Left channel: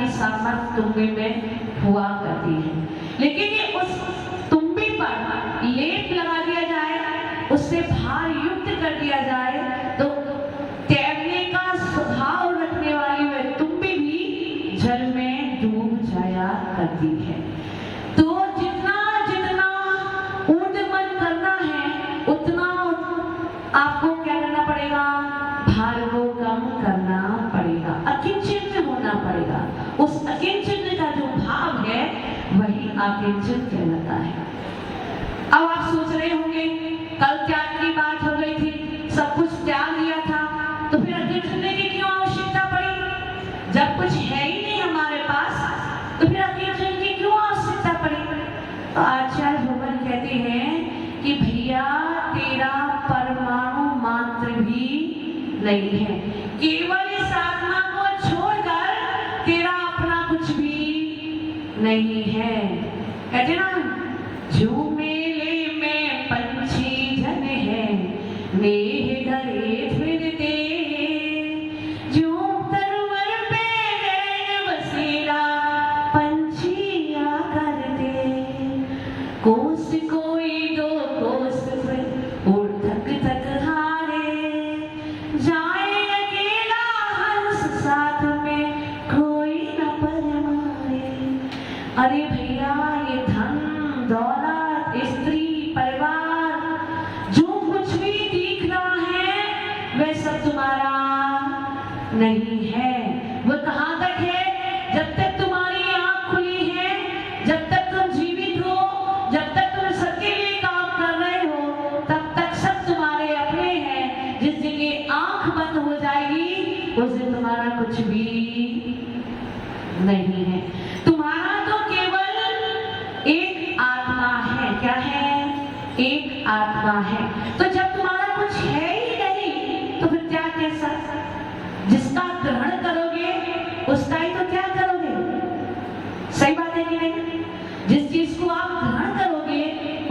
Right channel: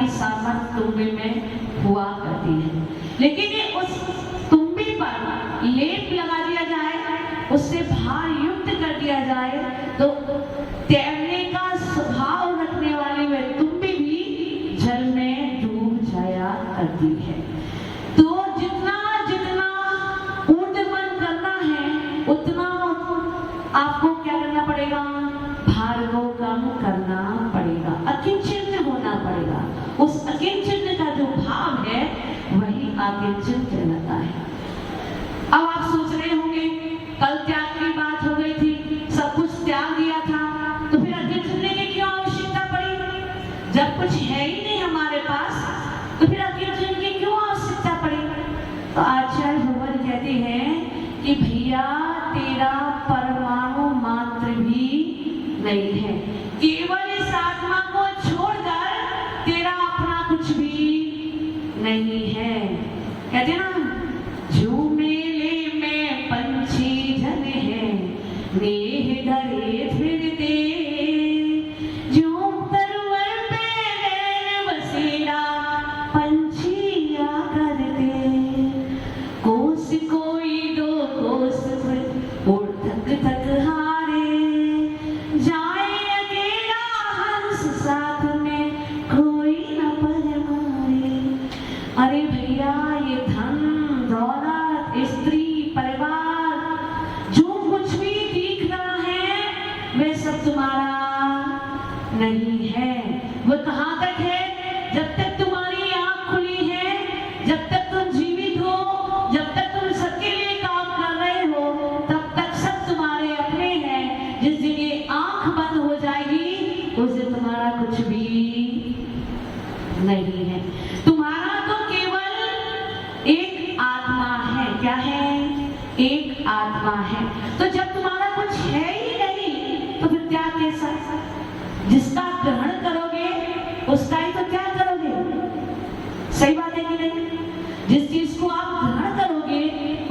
की सामर्थ तुम्बे में हुआ करती है। लेकिन ये उस तुम्बे पर लेप लगा दिया जाए, उससे भार युक्त कर दिया जाए, तो तैरने का स्वभाव रखने वाली वह तुम्बी भी जल में डूब जाया करती है। तो जितना जितना ऊर्ध्वगमन करना है उतना आपको क्या करना पड़ेगा, भार को कम करना पड़ेगा, अकिंचन होना पड़ेगा। उस अकिंचन का जो भाव है वही अकिंचन कहलाता है। अब आप सोच रहे होंगे कल त्याग की बात हो गई थी, सब कुछ त्याग दिया था, तो फिर अकिंचन की क्यों आवश्यकता पड़ी? जब कुछ है ही नहीं हमारे पास तो फिर अकिंचन की क्यों आवश्यकता पड़ी? तो आचार्य भगवान कहते हैं कि भैया तेरा परमाणु मात्र भी नहीं है, केवल इस आत्मा को छोड़कर तेरा अपना कुछ भी नहीं है। कहते ना, झूमेले में पंछी जन है, नेह धरे फिरते, झूम तरवर पे नैन बसेरा, पंछिया करते, कोस कोई दो कोस और थक थक हारे, जाए अकेला हंस साथ में कोई न परमारे। अरे भैया ये धन दौलत स्त्री परिवार जो कुछ भी दिख रहा है वह सब तुम्हारा नहीं है। वो कहाँ तक है? जब तक तुम्हारी आंख खुली है, जब तक तुम जीवित हो, जब तक तुम सबके लिए काम कर रहे हो, तब तक सब तुम्हारे अपने हैं। जिस जगह आंख बंद हो जाएगी उस दिन तुम्हारा कुछ भी नहीं है। तुम्हारा तो केवल एक आत्मा है। क्या है? एक आत्मा है। तो जब तुम्हारा कुछ है ही नहीं तो फिर क्या कैसा? जिसका ग्रहण करोगे उसका ही तो क्या करोगे? सही बात है कि नहीं? जिस चीज को आप ग्रहण करोगे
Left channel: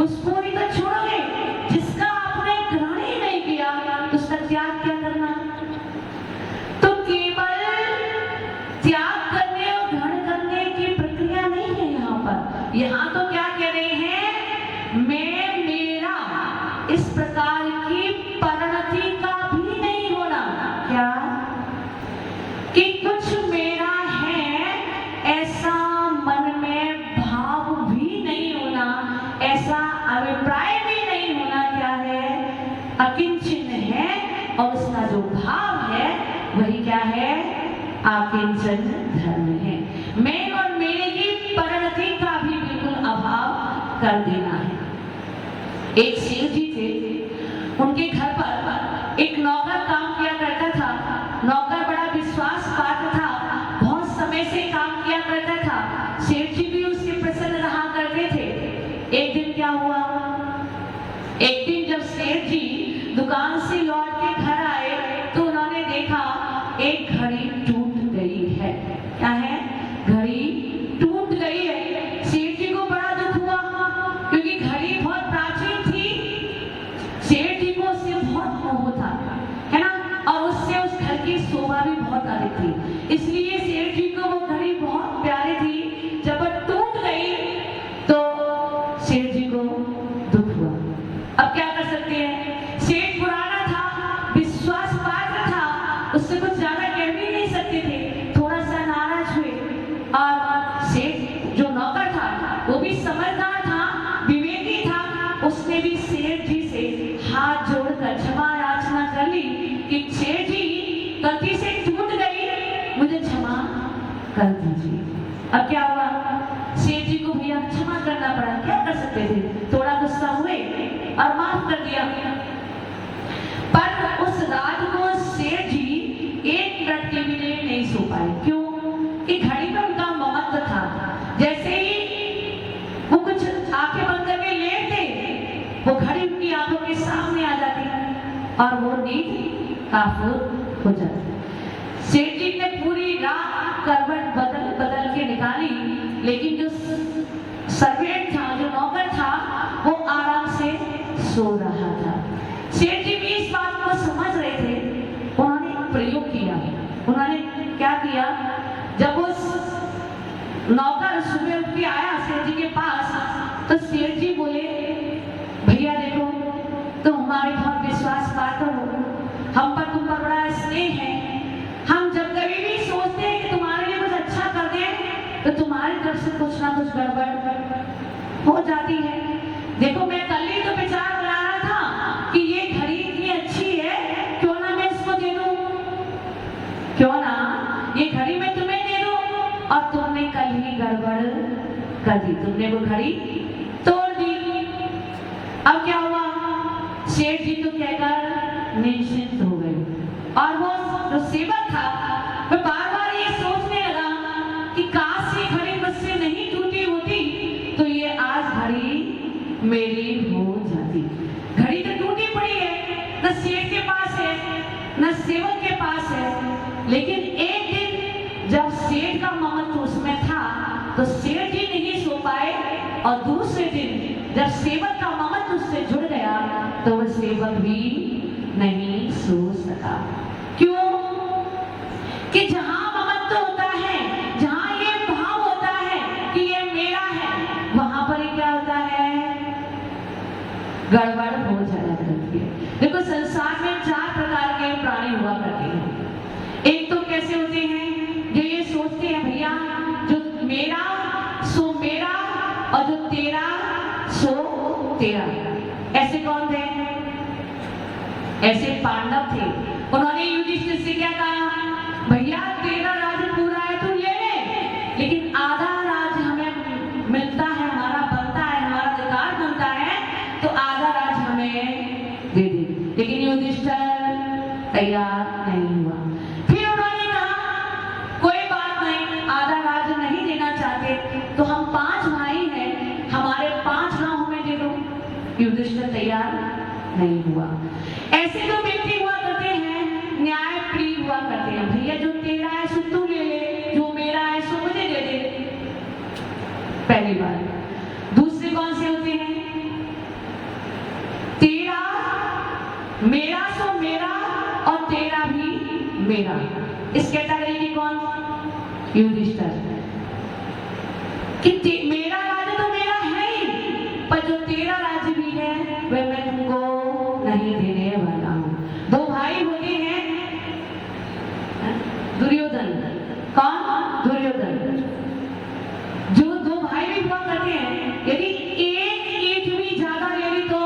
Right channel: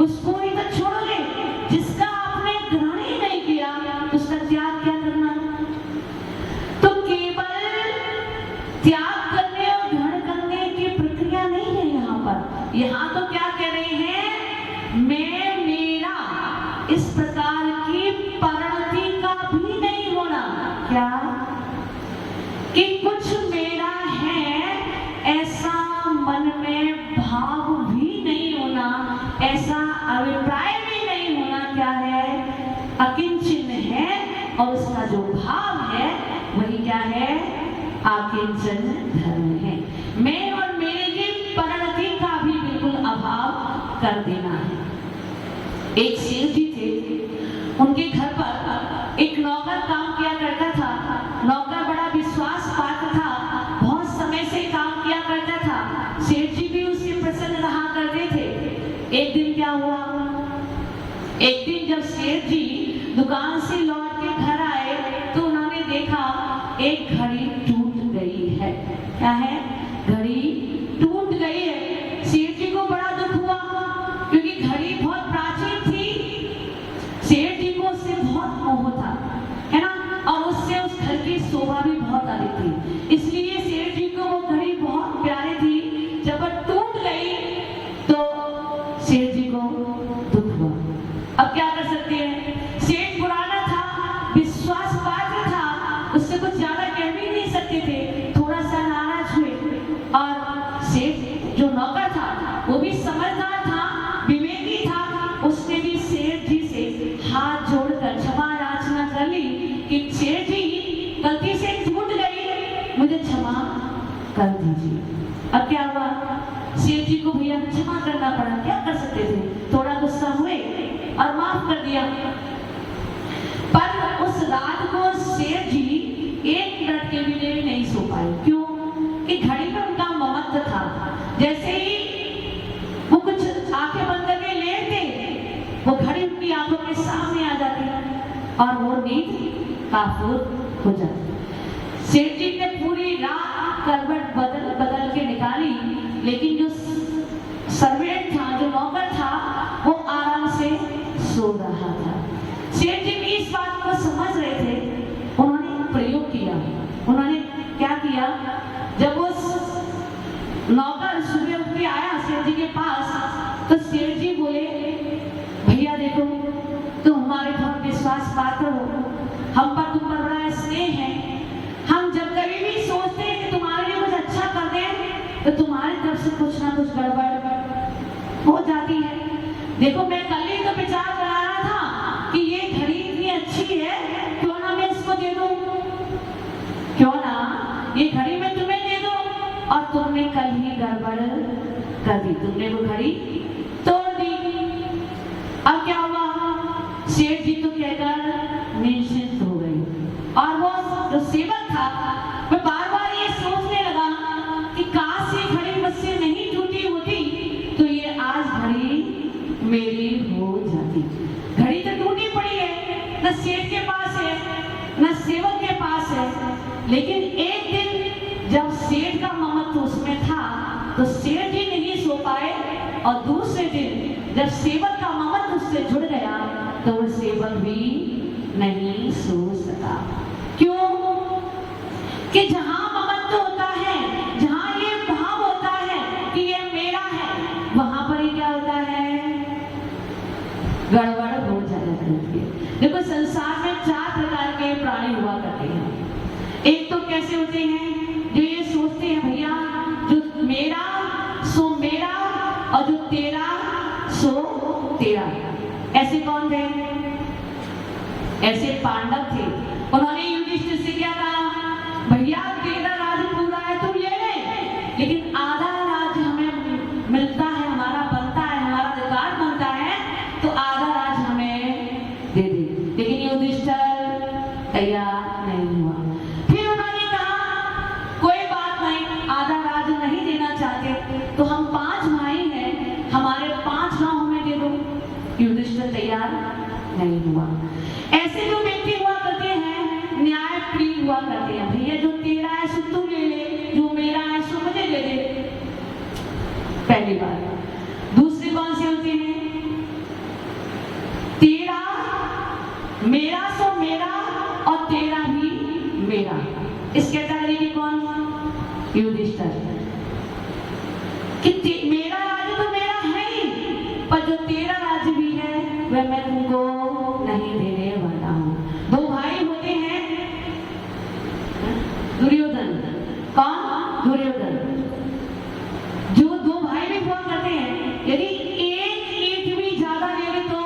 उसको ही तो छोड़ोगे। जिसका आपने ग्रहण ही नहीं किया तो उसका त्याग क्या करना? तो केवल त्याग करने और ग्रहण करने की प्रक्रिया नहीं है यहाँ पर। यहाँ तो क्या कह रहे हैं, मैं मेरा इस प्रकार की परिणति का भी नहीं होना। क्या? कि कुछ मेरा है ऐसा मन में भाव भी नहीं होना, ऐसा अभिप्राय भी नहीं होना। क्या है? अकिंचन है, और उसका जो भाव है वही क्या है? अकिंचन धर्म है। मैं और मेरे की परिणति का भी बिल्कुल अभाव कर देना है। एक सेठ जी थे, उनके घर पर एक नौकर काम किया करता था। नौकर बड़ा विश्वास पात्र था, बहुत समय से काम किया करता था। सेठ जी भी उससे प्रसन्न रहा करते थे। एक दिन क्या हुआ, एक दिन जब सेठ जी दुकान से लौट के घर आए तो उन्होंने देखा एक घड़ी टूट गई है। क्या है? घड़ी टूट गई है। सेठ जी को बड़ा दुख हुआ क्योंकि घड़ी बहुत प्राचीन थी। सेठ जी को उससे बहुत मोह था, है ना, और उससे उस घर की शोभा भी बहुत अधिक थी। इसलिए सेठ जी को वो घड़ी बहुत प्यारी थी। जब वो टूट गई तो सेठ जी को दुख हुआ। अब क्या कर सकते हैं? सेठ पुराना था, विश्वास पात्र था, उससे कुछ ज्यादा कह भी नहीं सकते थे। थोड़ा सा नाराज हुए और सेठ जो नौकर था वो भी समझदार था, विवेकी था, उसने भी सेठ जी से हाथ जोड़कर क्षमा याचना कर ली कि सेठ जी गलती से टूट गई, मुझे क्षमा कर दीजिए। अब क्या हुआ? सेठ जी को भैया क्षमा करना पड़ा। क्या कर सकते थे? थोड़ा गुस्सा हुए और माफ कर दिया। पर उस रात को सेठ जी एक मिनट के लिए नहीं सो पाए। क्यों? कि घड़ी में उनका ममत्व था। जैसे ही वो कुछ आंखें बंद करके लेटते, वो घड़ी उनकी आंखों के सामने आ जाती और वो नींद काफूर हो जाती। सेठ जी ने पूरी रात करवट बदल बदल के निकाली, लेकिन जो सर्वेंट था, जो नौकर था, वो आराम से सो रहा था। सेठ जी भी इस बात को समझ रहे थे। उन्होंने प्रयोग किया। उन्होंने क्या किया? जब वो नौकर सुबह उठ के आया सेठ जी के पास, तो सेठ जी बोले, भैया देखो तुम हमारे बहुत विश्वास पात्र हो, हम पर तुम पर बड़ा स्नेह है, हम जब कभी भी सोचते हैं कि तुम्हारे लिए कुछ अच्छा कर दें तो तुम्हारी तरफ से कुछ ना कुछ गड़बड़ हो जाती है। देखो मैं कल ही तो विचार बना रहा था कि ये घड़ी इतनी अच्छी है, क्यों ना मैं इसको दे दूं, क्यों ना ये घड़ी मैं तुम्हें दे दूं, और तुमने कल ही गड़बड़ कर दी, तुमने वो घड़ी तोड़ दी। अब क्या हुआ, सेठ जी तो कहकर निश्चिंत हो गए, और वो जो सेवक था वह बार बार ये सोचने लगा कि काश ये घड़ी मुझसे नहीं टूटी होती तो ये आज घड़ी मेरी हो जाती। घड़ी तो टूटी पड़ी है, न सेठ के पास है न सेवक के पास है, लेकिन एक दिन जब सेठ का ममत्व उसमें था तो सेठ जी नहीं सो पाए, और दूसरे दिन जब सेवक का ममत्व उससे जुड़ गया तो वह सेवक भी नहीं सो सका। क्यों? कि जहां ममत्व होता है, जहां ये भाव होता है कि ये मेरा है, वहां पर ही क्या होता है, गड़बड़ हो जाया करती है। देखो संसार में 4 प्रकार के प्राणी हुआ करते हैं। एक तो कैसे होते हैं जो ये सोचते हैं भैया जो मेरा सो मेरा और जो तेरा सो तेरा। ऐसे कौन थे? ऐसे पांडव थे। उन्होंने युधिष्ठिर से क्या कहा, भैया तेरा राज पूरा है तू ले ले, लेकिन आधा राज हमें मिलता है, हमारा बनता है, हमारा अधिकार बनता है, तो आधा राज हमें दे दे। लेकिन युधिष्ठिर तैयार नहीं हुआ। फिर उन्होंने कहा कोई बात नहीं, आधा राज नहीं देना चाहते तो हम 5 भाई हैं, हमारे 5 गांव हमें दे दो। युधिष्ठिर तैयार नहीं हुआ। ऐसे जो व्यक्ति हुआ करते हैं न्याय प्रिय हुआ करते हैं, भैया जो तेरा है सो तू ले ले, जो मेरा है सो मुझे दे दे, पहली बात। दूसरे कौन से होते हैं, तेरा मेरा सो मेरा और तेरा भी मेरा। इस कैटेगरी की कौन? युधिष्ठिर। कि मेरा राज्य तो मेरा है ही, पर जो तेरा राज्य भी है वह मैं तुमको नहीं देने वाला हूं। 2 भाई होते हैं, दुर्योधन। कौन? दुर्योधन। जो 2 भाई भी हुआ करते हैं, यदि एक ईंट भी ज्यादा ले ली तो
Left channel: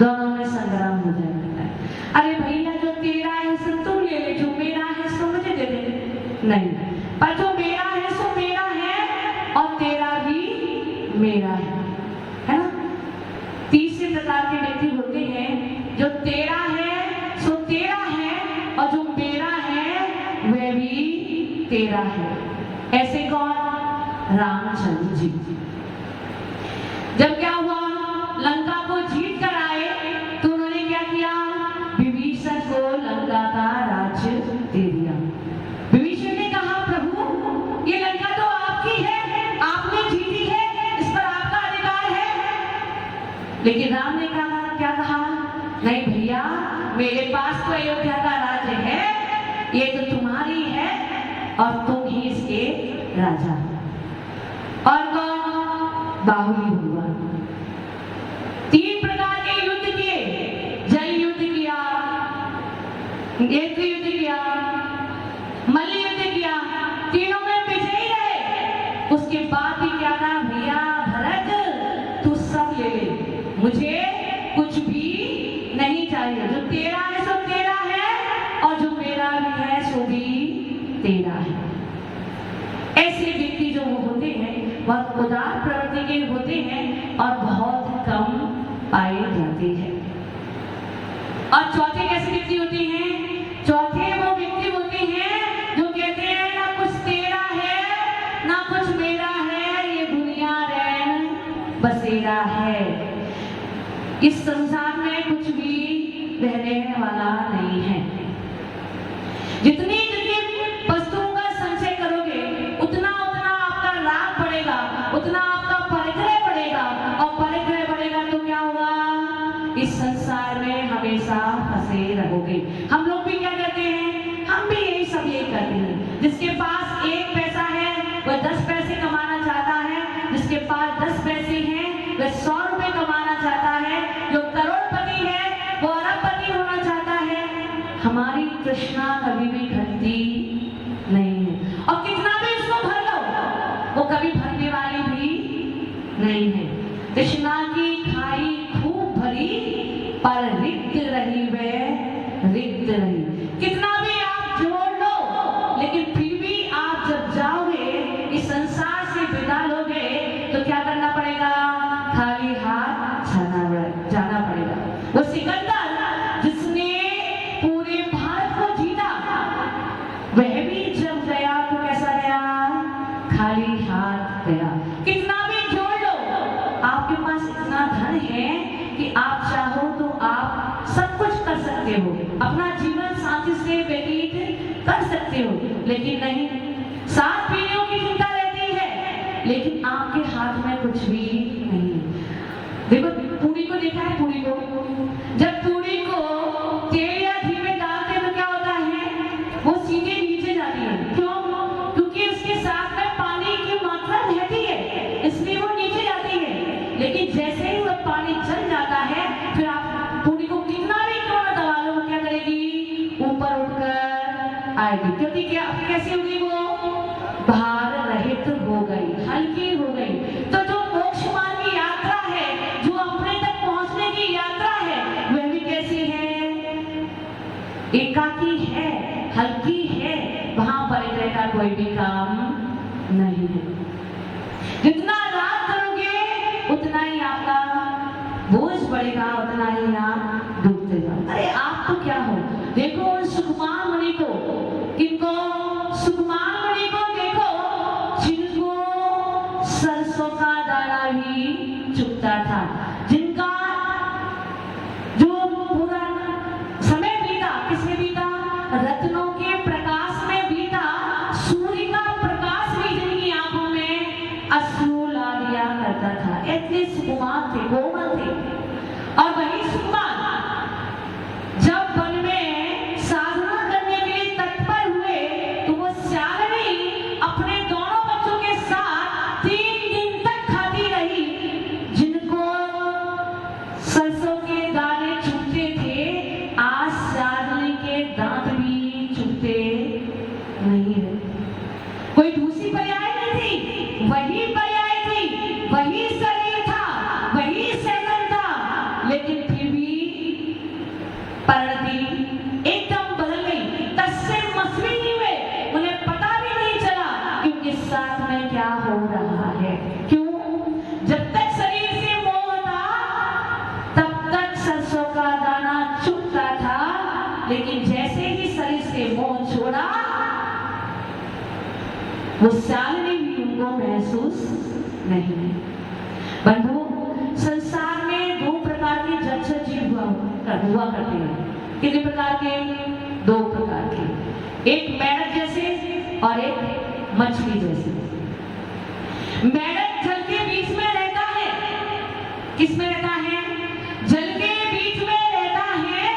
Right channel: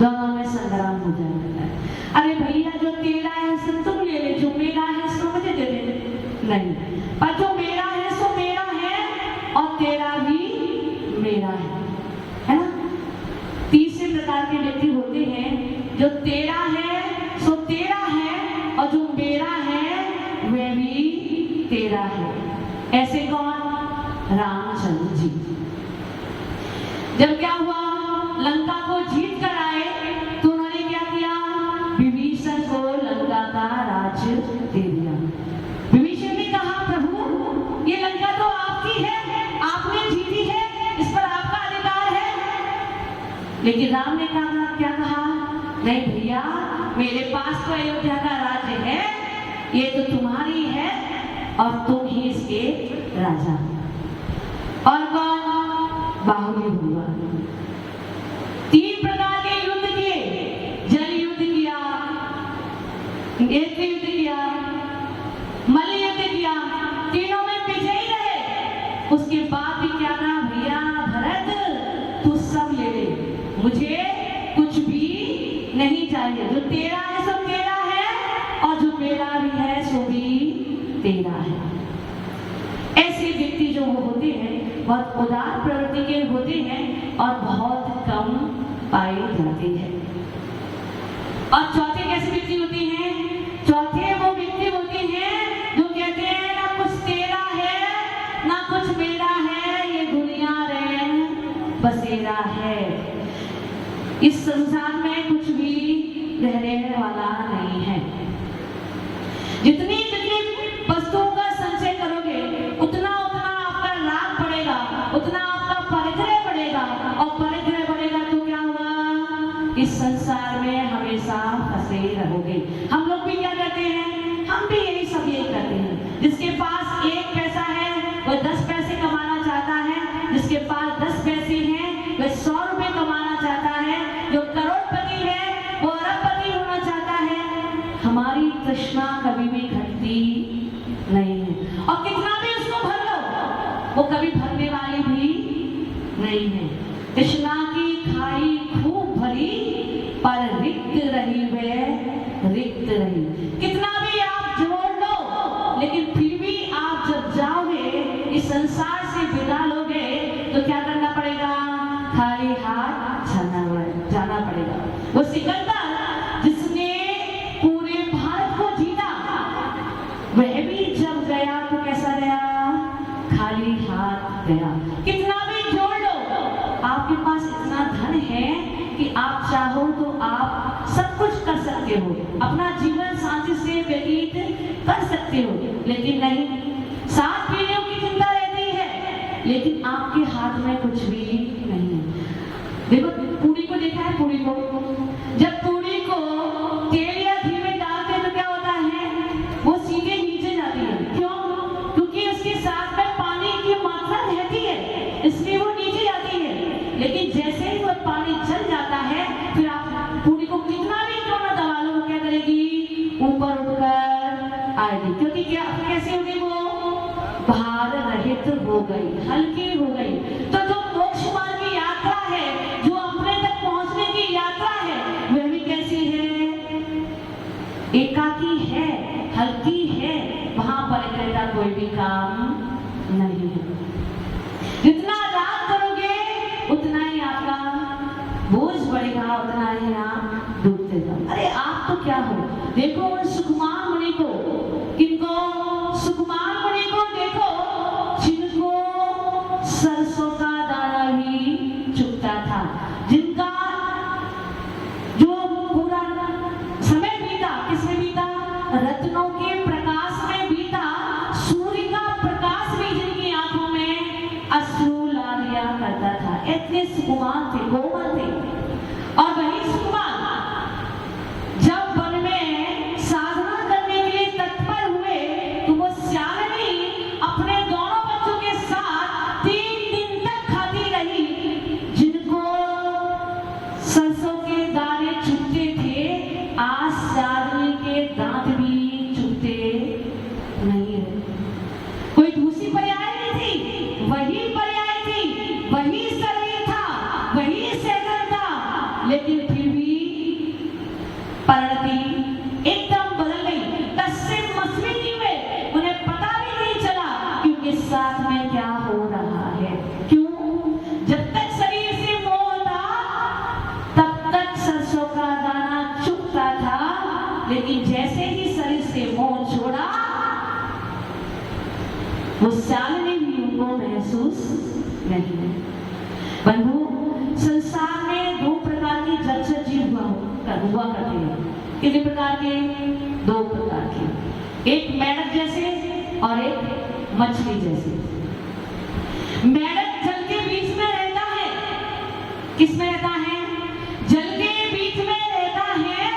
दोनों में संग्राम हो जाता है। अरे भैया जो तेरा है सो तुम ले ले, जो मेरा है सो मुझे दे दे। नहीं, पर जो मेरा है सो मेरा है और तेरा भी मेरा है ना। तीसरे प्रकार के व्यक्ति होते हैं जो तेरा है सो तेरा है और जो मेरा है वह भी तेरा है। ऐसे कौन? रामचंद्र जी। जब क्या हुआ, लंका को जीत कर आए तो उन्होंने क्या किया, विभीषण को लंका का राज्य दे दिया। विभीषण ने कहा प्रभु ये लंका तो आपकी है, आपने जीती है, इस पर आपका अधिकार है। लेकिन राम ने कहा, क्या कहा, नहीं भैया मेरे पास तो अयोध्या का राज्य है, ये तो तुम्हारी है और तुम ही इसके राजा। और कौन? बाहुली हुआ। 3 प्रकार के युद्ध किए, जल युद्ध किया, नेत्र युद्ध किया, मल्ल युद्ध किया, तीनों में विजयी रहे। उसके बाद भी क्या कहा, भैया भरत तू सब ले ले, मुझे कुछ भी नहीं चाहिए, जो तेरा है सो तेरा है और जो मेरा भी है सो भी तेरा है। ऐसे व्यक्ति जो होते हैं बहुत उदार प्रवृत्ति के होते हैं और बहुत कम पाए जाते हैं। और चौथे कैसे व्यक्ति होते हैं? चौथे वो व्यक्ति होते हैं जो कहते हैं ना कुछ तेरा है ना कुछ मेरा है, ये दुनिया रैन बसेरा है, इस संसार में कुछ भी रहने वाला नहीं है। जितनी वस्तुओं का संचय करोगे उतना उतना आपका लाभ बढ़ेगा, उतना आपका परिग्रह बढ़ेगा, और परिग्रह बढ़ेगा तो क्या होगा, इस संसार में हमेशा फंसे रहोगे। हम लोग भी क्या करते हैं, हम भी यही सब यही करते हैं। जिसके पास 1 पैसा है वह 10 पैसे वो कभी भरने वाली भी नहीं है। तृष्णा की खाई खूब भरी, पर रिक्त रही वह रिक्त रही। कितना भी आप जोड़ लो, लेकिन फिर भी आप जब जाओगे इस संसार से विदा लोगे तो क्या करना पड़ेगा? खाली हाथ जाना पड़ेगा। वो सिकंदर जिसने पूरे भारत को जीता, वह भी जब गया तो कैसा गया? खाली हाथ गया। कितना भी जोड़ लो, आपके पास इतना धन है कि आप चाहो तो आप सब कुछ कर सकते हो, अपना जीवन शांति से व्यतीत कर सकते हो, लेकिन नहीं, 7 पीढ़ियों की चिंता रहती है, लेकिन आपके हाथ में कुछ भी नहीं। देखो पूरी को देखा है, पूरी को जब पूरी को तेल या घी में डालते तो क्या होता है? वो सीधे नीचे जाती है। क्यों? क्योंकि उसके साथ में पानी की मात्रा रहती है, इसलिए वो नीचे जाती है। लेकिन जैसे ही वो पानी चल जाता है, फिर आप पूरी को कितना भी क्यों ना दबा लो, वो क्या करेगी? ऊपर उठकर आएगी। क्योंकि क्या कैसे होगी? वो भार रहित हो गई, हल्की हो गई। तो जो मोक्ष मार्ग की यात्रा है, जो अपने तक पहुंचने की यात्रा है, वह भी कैसी है? एकाकी है, हल्की है। वहां परिग्रह का कोई भी काम नहीं है। जितना राग करोगे उतना ही आपका बोझ बढ़ेगा, उतना ही आप डूबते जाओ। अरे आप तो क्या हो? देखो उन सुकुमार मुनि को, किनको? सुकुमार मुनि को देखो, जिनको सरसों का दाना भी चुभता था, जिनका जो पूरा समय बीता किसमें बीता? रत्नों के प्रकाश में बीता। सूर्य का प्रकाश भी जिनकी आंखों में अश्रु ला दिया करता था। इतने सुकुमार थे, कोमल थे। और वही सुकुमार जब वन में साधना करने के लिए तत्पर हुए तो वो श्यालिनी अपने दोनों बच्चों के साथ 3 दिन तक खाती रही। जिनको सरसों के दाने चुभते थे, आज श्यालिनी के दांत भी चुभते नहीं है। कोई दूसरी पर्याय नहीं थी, वही पर्याय थी, वही शरीर था, वही सेवन था, लेकिन फिर भी परिणति एकदम बदल गई। तस्से मसली नहीं हुए, उन्हें पता भी नहीं चला कि उनके साथ में क्या हो रहा है। क्यों? जब तक शरीर से मोह था तब तक सरसों का दाना चुभता था, लेकिन जैसे ही शरीर से मोह छोड़ा, वो श्यालिनी भी उनको महसूस नहीं। बंधु, संसार में 2 प्रकार के जलचर जीव हुआ करते हैं। कितने प्रकार के? 2 प्रकार के। एक मेढक जैसे और एक मछली जैसे। मेढक जल के बीच में रहता है। किस में रहता है? जल के बीच में रहता है,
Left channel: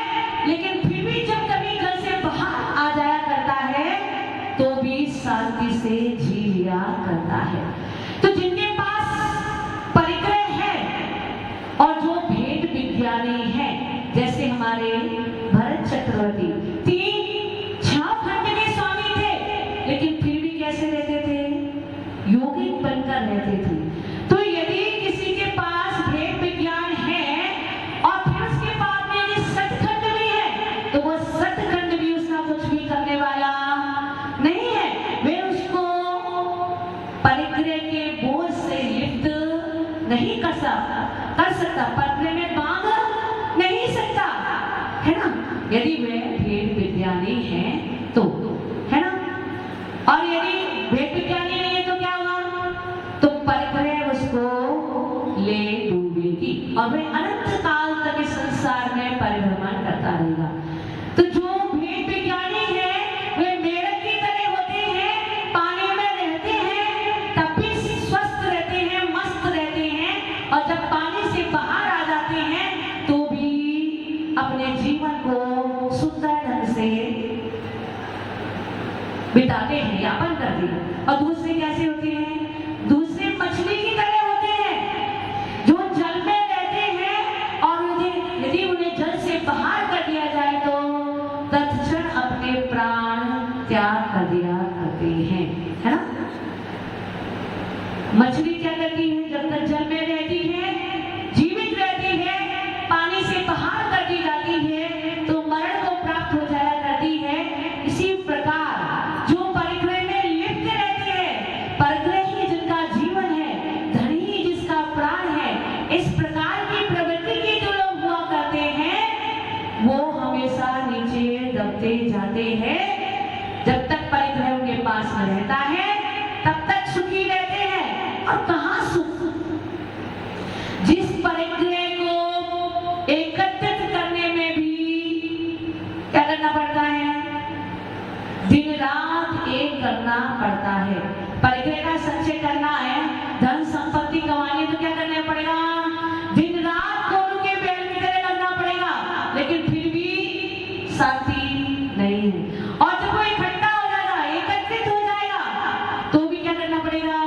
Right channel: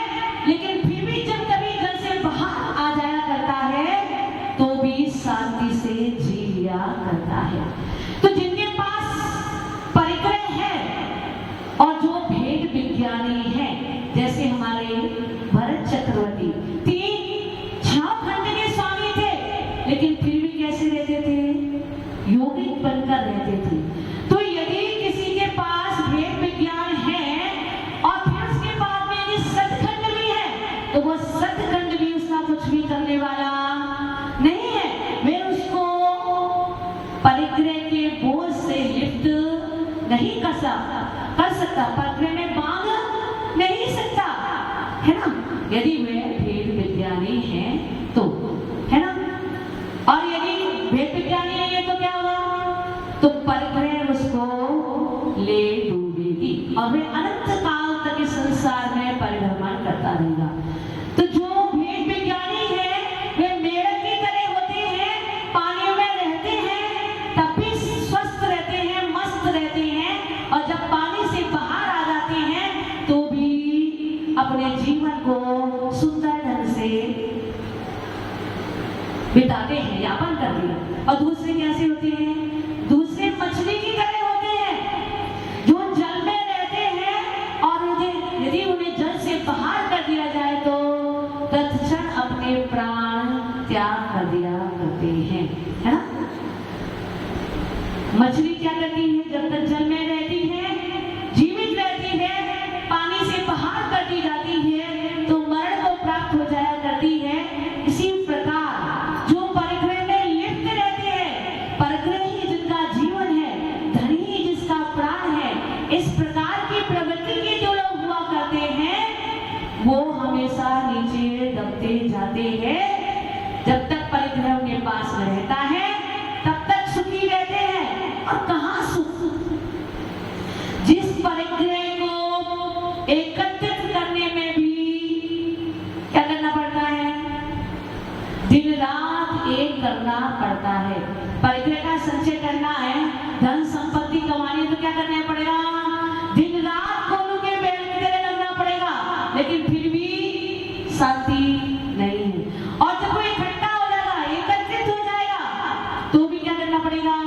लेकिन फिर भी जब कभी जल से बाहर आ जाया करता है तो भी शांति से जी लिया करता है। तो जिनके पास परिग्रह है और जो भेद विज्ञानी है, जैसे हमारे भरत चक्रवर्ती 6 खंड के स्वामी थे, लेकिन फिर भी कैसे रहते थे? योगिक बनकर रहते थे। तो यदि किसी के पास भेद विज्ञान है और फिर उसके बाद में यदि सतखंड भी है, तो वो सतखंड भी उसका कुछ भी करने वाला नहीं है। वे उसको परिग्रह के बोझ से लिप्त नहीं कर सकता, परिग्रह में बांध नहीं सकता, है ना? यदि वे भेद विज्ञानी है तो, है ना? और यदि भेद विज्ञानी नहीं है तो क्या होगा? तो परिग्रह उसको ले डूबेगी और वे अनंत काल तक इस संसार में परिभ्रमण करता रहेगा। तो जो भेद विज्ञानी है वे मेढक की तरह होते हैं, पानी में रहते हैं, तब भी स्वस्थ रहते हैं, मस्त रहते हैं, और जब पानी से बाहर आ जाते हैं तो भी अपने जीवन को सुंदर ढंग से बिताते हैं, यापन करते हैं। और दूसरे कैसे होते हैं? दूसरे मछली की तरह होते हैं, जो जल में रहते हैं, और यदि उन्हें जल से बाहर कर दिया जाए तो तत्क्षण अपने प्राण त्याग कर दिया करते हैं, है ना? मछली क्या करती है? जब तक जल में रहती है, जीवित रहती है, पानी से बाहर करती जाती है तो मरण को प्राप्त हो जाया करती है। इसी प्रकार जो परिग्रह में लिप्त रहते हैं, परिग्रह ही जिनका जीवन है, धन ही जिसका प्राण है, इस प्रकार की प्रवृत्ति के जो लोग हुआ करते हैं वो हमेशा नीचे दबते जाते हैं। जब तक परिग्रह उनके पास में रहता है तब तक सुखी रहते हैं। और कहाँ सुख? जिस परिग्रह को एकत्रित करने में भी क्या करना पड़ता है? दिन रात एक करना पड़ता है। परिग्रह का संचय करना है, धन संपत्ति कमानी, तो क्या करना पड़ेगा? दिन रात कोरों के बैल की तरह लगना पड़ेगा, लेकिन फिर भी शांति नहीं है। और जब वो इकट्ठा हो जाएगा, एकत्रित हो जाएगा, तो भी क्या करना पड़ेगा?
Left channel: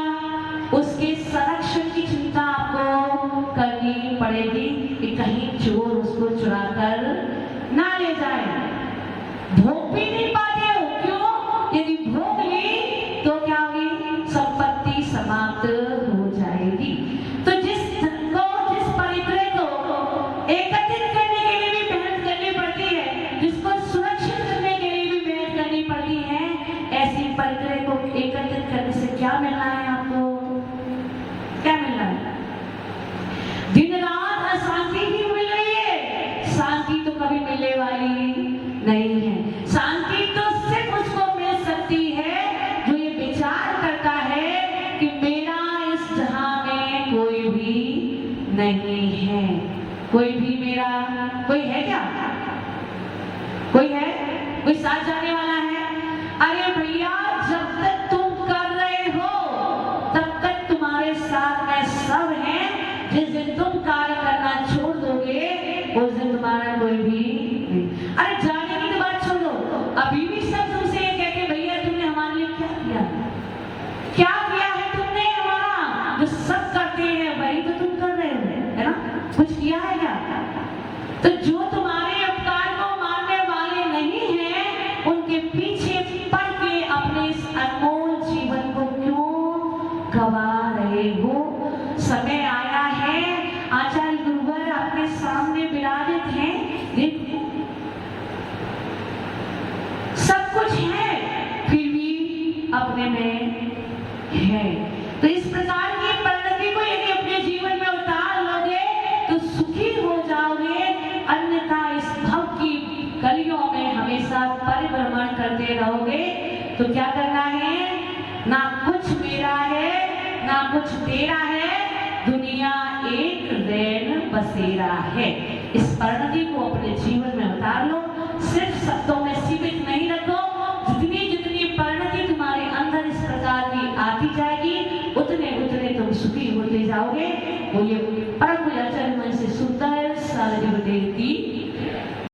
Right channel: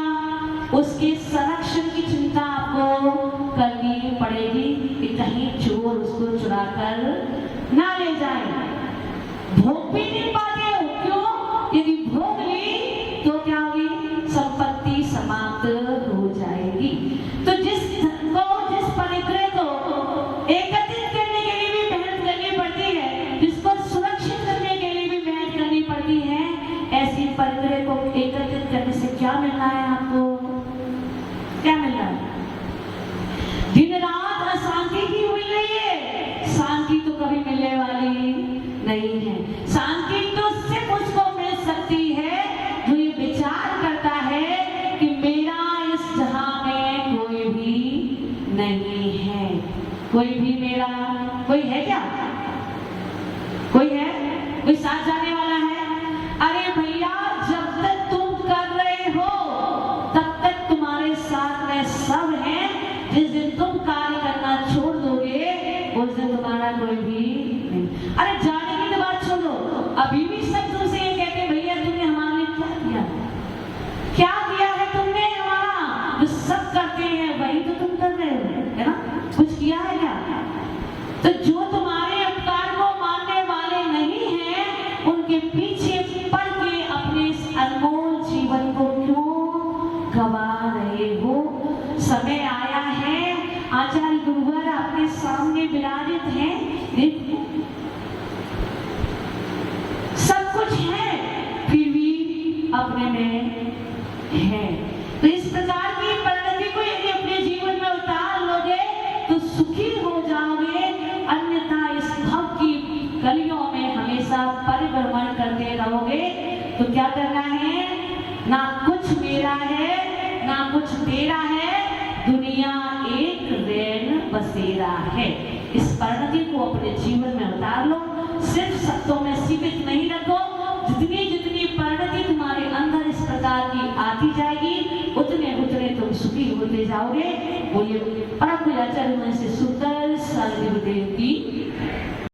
उसके संरक्षण की चिंता आपको करनी पड़ेगी कि कहीं चोर उसको चुरा कर ना ले जाए। भोग भी नहीं पाते हो, क्यों? यदि भोग ली तो क्या होगी? संपत्ति समाप्त हो जाएगी। तो जिस परिग्रह को एकत्रित करने के लिए भी मेहनत करनी पड़ती है, जिसको सुरक्षित करने के लिए भी मेहनत करनी पड़ती है, ऐसी परिग्रह को एकत्रित करने से क्या मिलना है आपको? क्या मिल रहा है? दिन रात अशांति ही मिल रही है, शांति तो कभी मिलने वाली नहीं है। शांति तो सिर्फ उसको मिल सकती है जो ये विचार करता है कि मेरा इस जहां में कोई भी नहीं है। कोई भी मेरा, कोई है क्या? कोई है? कोई साथ जाने वाला है? अरे भैया, जब तक तुम कर रहे हो तब तक तुम्हारे साथ में सब है। जिस दिन तुम कार्य करना छोड़ दोगे उस दिन तुम्हारा कोई भी नहीं। अरे जाने की तो बात छोड़ो, अभी भी सब तुमसे ये कहते भैया तुमने हमारे लिए क्या किया? क्या किया है तुमने हमारा? जो सब करते हैं वही तो तुम कर रहे हो, है ना? कुछ किया है क्या? तो जो तुम्हारे उपकार को मानने वाले नहीं हैं, उनके पीछे पड़ के अपने इस अनमोल जीवन को क्यों गवा रहे हो? समय आया है, आचार्य गुरुवर आपके सामने विराजित हैं, देखो सब कुछ है फिर भी अपने में है। तो इस प्रकार की परिणति को यदि अपने जीवन में उतार लोगे तो सुखी हो जाओगे, अन्यथा इस भव की गलियों में हमेशा परिभ्रमण करते रहोगे। तो क्या करना है? ना कुछ मेरा है ना कुछ तेरा है, दुनिया एक रैन बसेरा है। इस परिणति को अपने जीवन में